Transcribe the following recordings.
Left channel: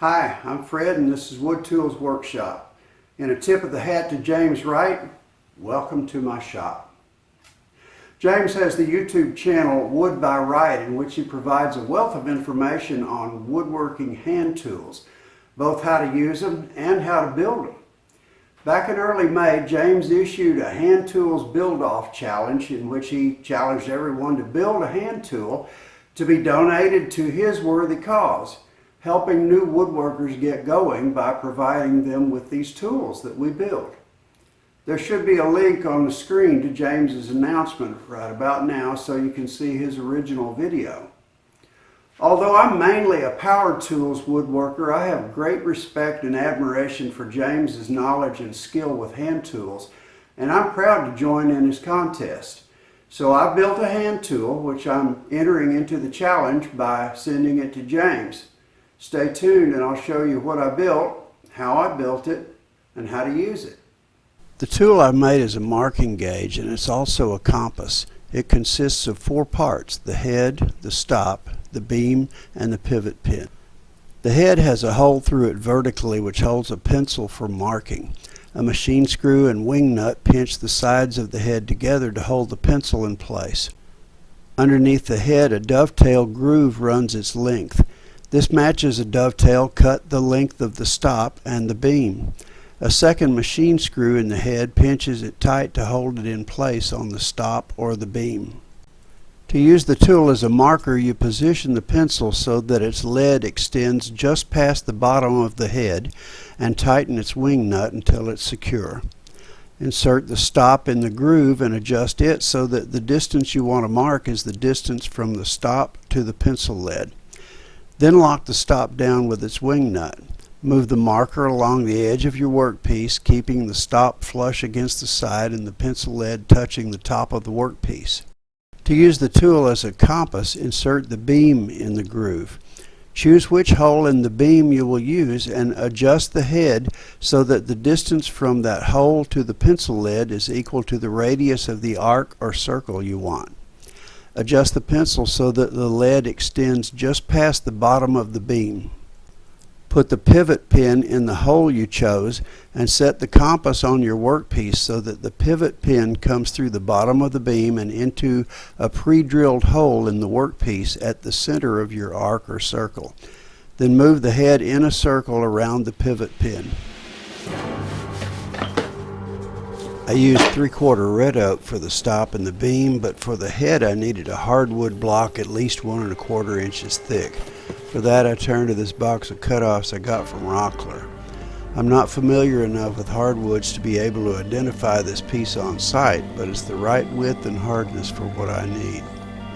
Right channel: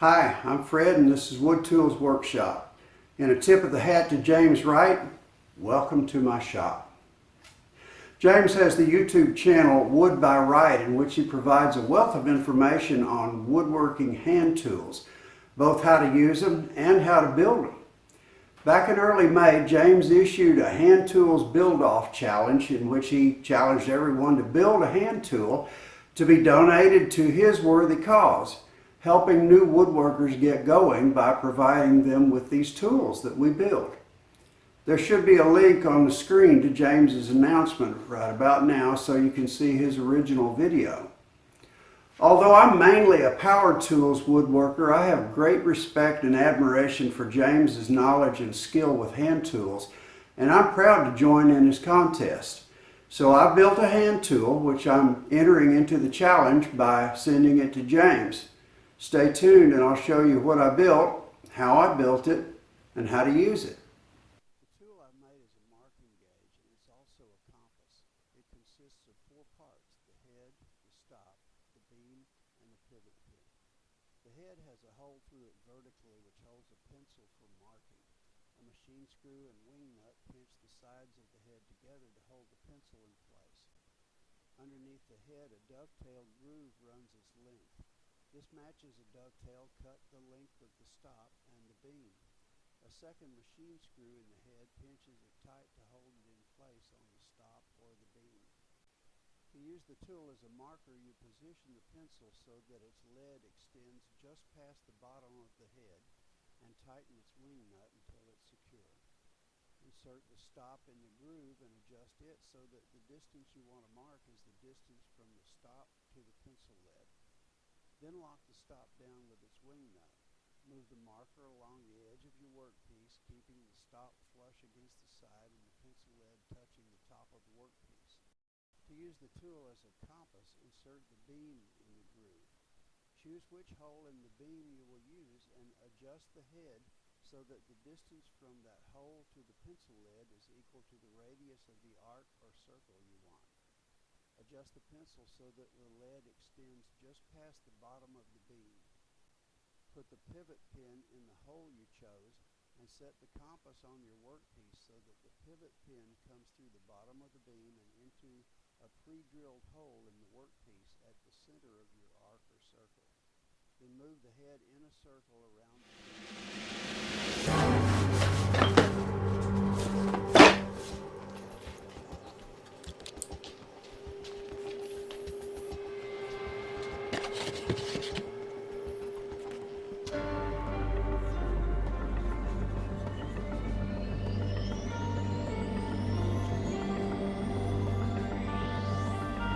Hi, I'm Fred and this is Wood Tools Workshop. In a tip of the hat to James Wright, welcome to my shop. James has the YouTube channel Wood by Wright, in which he provides a wealth of information on woodworking hand tools, both how to use them and how to build them. Back in early May, James issued a hand tools build-off challenge in which he challenged everyone to build a hand tool to be donated to his worthy cause, helping new woodworkers get going by providing them with these tools that we build. There should be a link on the screen to James's announcement right about now so you can see his original video. Although I'm mainly a power tools woodworker, I have great respect and admiration for James's knowledge and skill with hand tools, and I'm proud to join in his contest. So I built a hand tool, which I'm entering into the challenge by sending it to James. Stay tuned and I'll show you what I built, how I built it, and how to use it. The tool I made is a marking gauge, and it's also a compass. It consists of 4 parts: the head, the stop, the beam, and the pivot pin. The head has a hole through it vertically which holds a pencil for marking. A machine screw and wing nut pinch the sides of the head together to hold the pencil in place. Underneath the head, a dovetail groove runs its length. This matches a dovetail cut the length of the stop and the beam. A second machine screw in the head pinches it tight to hold it in place on the stop or the beam. To use the tool as a marker, you position the pencil so that its lead extends just past the bottom of the head and tighten its wing nut until it's secure. Insert the stop in the groove and adjust it so that the distance you want to mark is the distance from the stop to the pencil lead. Then lock the stop down with its wing nut. Move the marker along the edge of your workpiece, keeping the stop flush against the side and the pencil lead touching the top of the workpiece. To use the tool as a compass, insert the beam in the groove. Choose which hole in the beam you will use and adjust the head so that the distance from that hole to the pencil lead is equal to the radius of the arc or circle you want. Adjust the pencil so that the lead extends just past the bottom of the beam. Put the pivot pin in the hole you chose and set the compass on your workpiece so that the pivot pin comes through the bottom of the beam and into a pre-drilled hole in the workpiece at the center of your arc or circle. Then move the head in a circle around the pivot pin. I used 3/4 red oak for the stop and the beam, but for the head I needed a hardwood block at least 1 1/4 inches thick. For that I turned to this box of cutoffs I got from Rockler. I'm not familiar enough with hardwoods to be able to identify this piece on site, but it's the right width and hardness for what I need.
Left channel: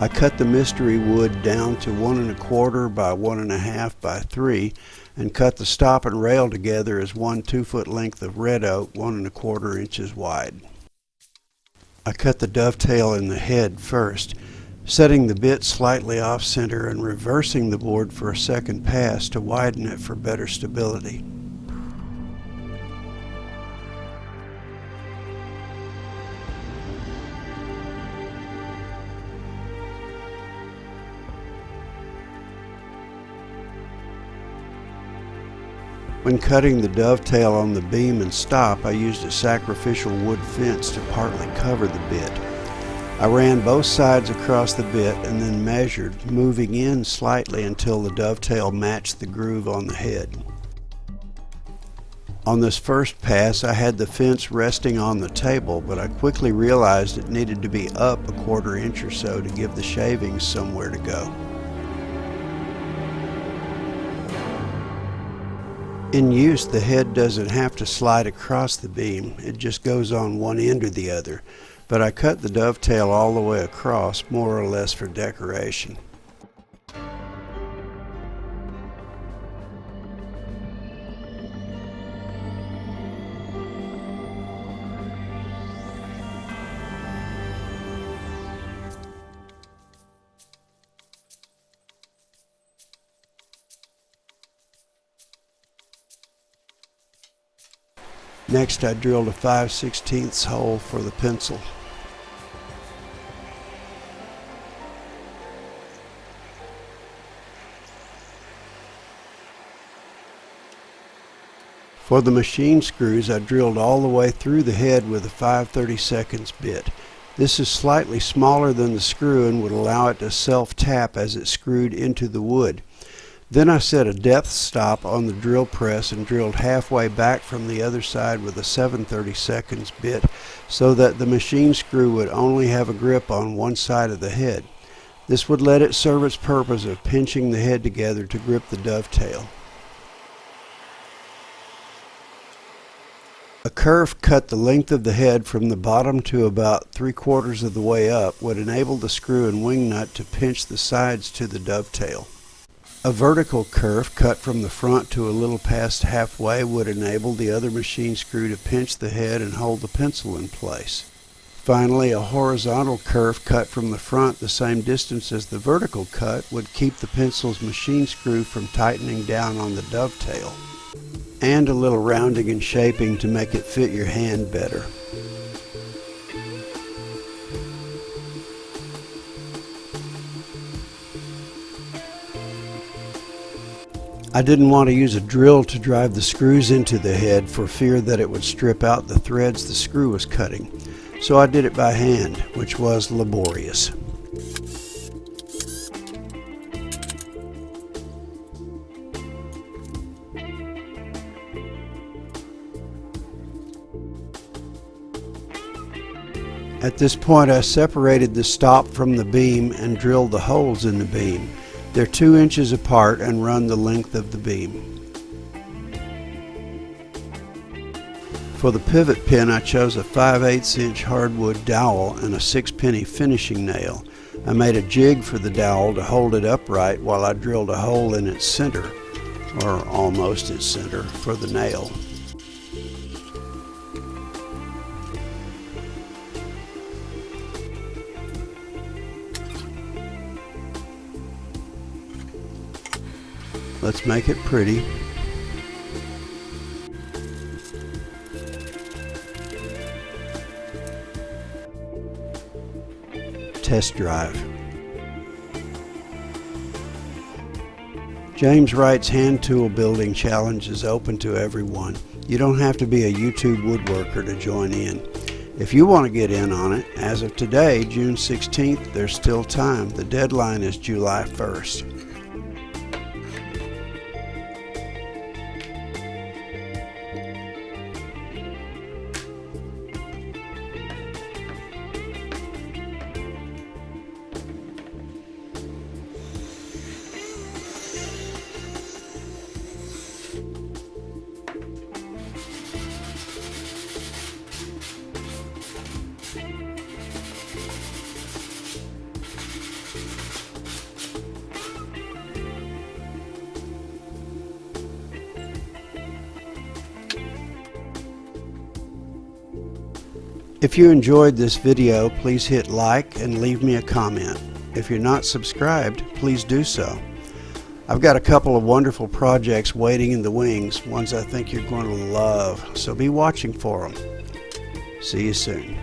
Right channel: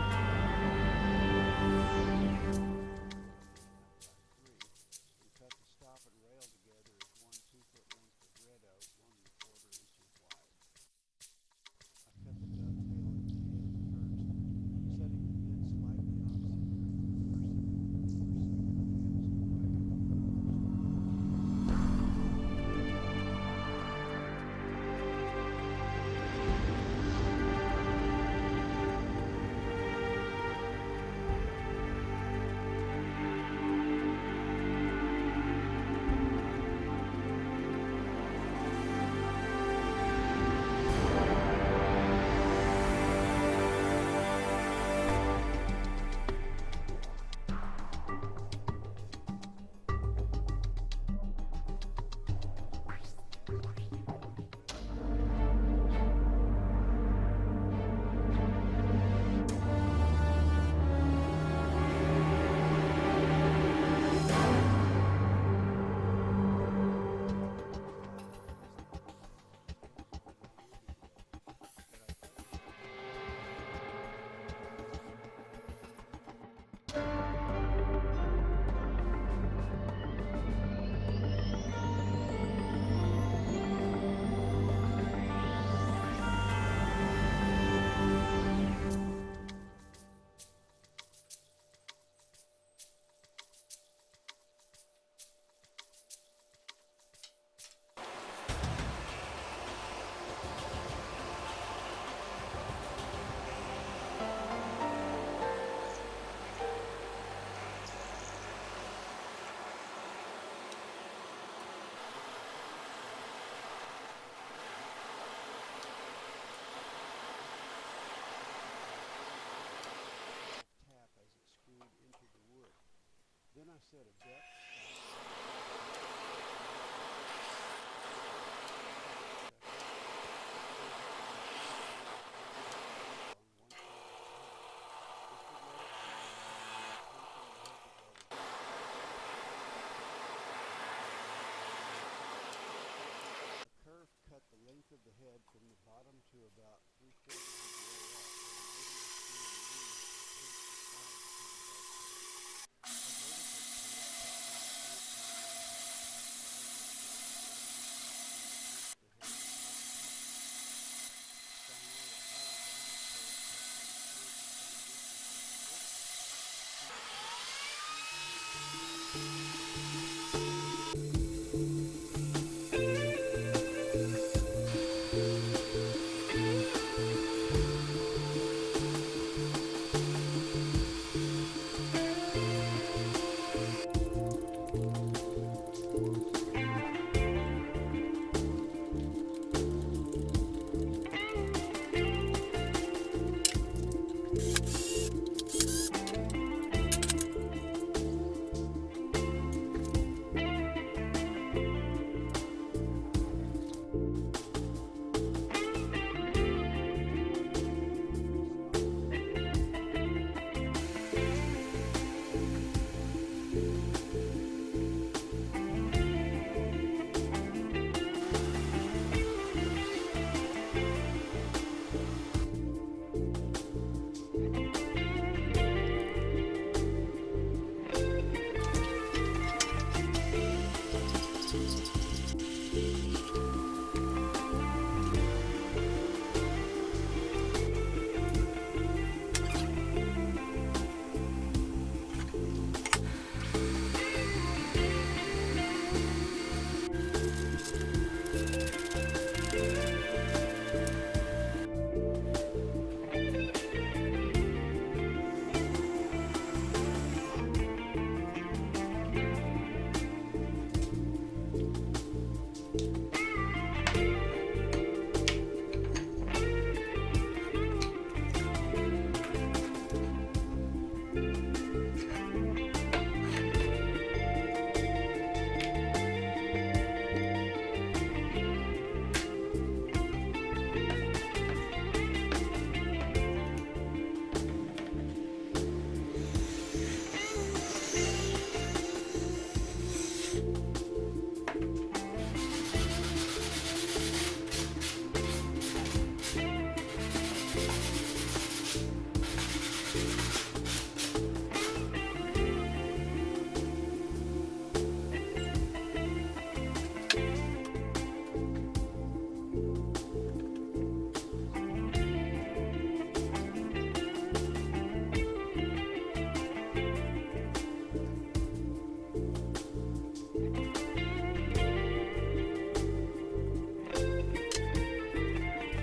I cut the mystery wood down to 1 1/4 by 1 1/2 by 3 and cut the stop and rail together as 1 2-foot length of red oak 1 1/4 inches wide. I cut the dovetail in the head first, setting the bit slightly off center and reversing the board for a second pass to widen it for better stability. When cutting the dovetail on the beam and stop, I used a sacrificial wood fence to partly cover the bit. I ran both sides across the bit and then measured, moving in slightly until the dovetail matched the groove on the head. On this first pass, I had the fence resting on the table, but I quickly realized it needed to be up 1/4 inch or so to give the shavings somewhere to go. In use, the head doesn't have to slide across the beam, it just goes on one end or the other, but I cut the dovetail all the way across, more or less for decoration. Next, I drilled a 5/16 hole for the pencil. For the machine screws, I drilled all the way through the head with a 5/32 bit. This is slightly smaller than the screw and would allow it to self-tap as it screwed into the wood. Then I set a depth stop on the drill press and drilled halfway back from the other side with a 7/32 bit so that the machine screw would only have a grip on one side of the head. This would let it serve its purpose of pinching the head together to grip the dovetail. A curve cut the length of the head from the bottom to about 3/4 of the way up would enable the screw and wing nut to pinch the sides to the dovetail. A vertical curve cut from the front to a little past halfway would enable the other machine screw to pinch the head and hold the pencil in place. Finally, a horizontal curve cut from the front the same distance as the vertical cut would keep the pencil's machine screw from tightening down on the dovetail. And a little rounding and shaping to make it fit your hand better. I didn't want to use a drill to drive the screws into the head for fear that it would strip out the threads the screw was cutting, so I did it by hand, which was laborious. At this point, I separated the stop from the beam and drilled the holes in the beam. They're 2 inches apart and run the length of the beam. For the pivot pin, I chose a 5/8 inch hardwood dowel and a 6-penny finishing nail. I made a jig for the dowel to hold it upright while I drilled a hole in its center, or almost its center, for the nail. Let's make it pretty. Test drive. James Wright's hand tool building challenge is open to everyone. You don't have to be a YouTube woodworker to join in. If you want to get in on it, as of today, June 16th, there's still time. The deadline is July 1st. If you enjoyed this video, please hit like and leave me a comment. If you're not subscribed, please do so. I've got a couple of wonderful projects waiting in the wings, ones I think you're going to love, so be watching for them. See you soon.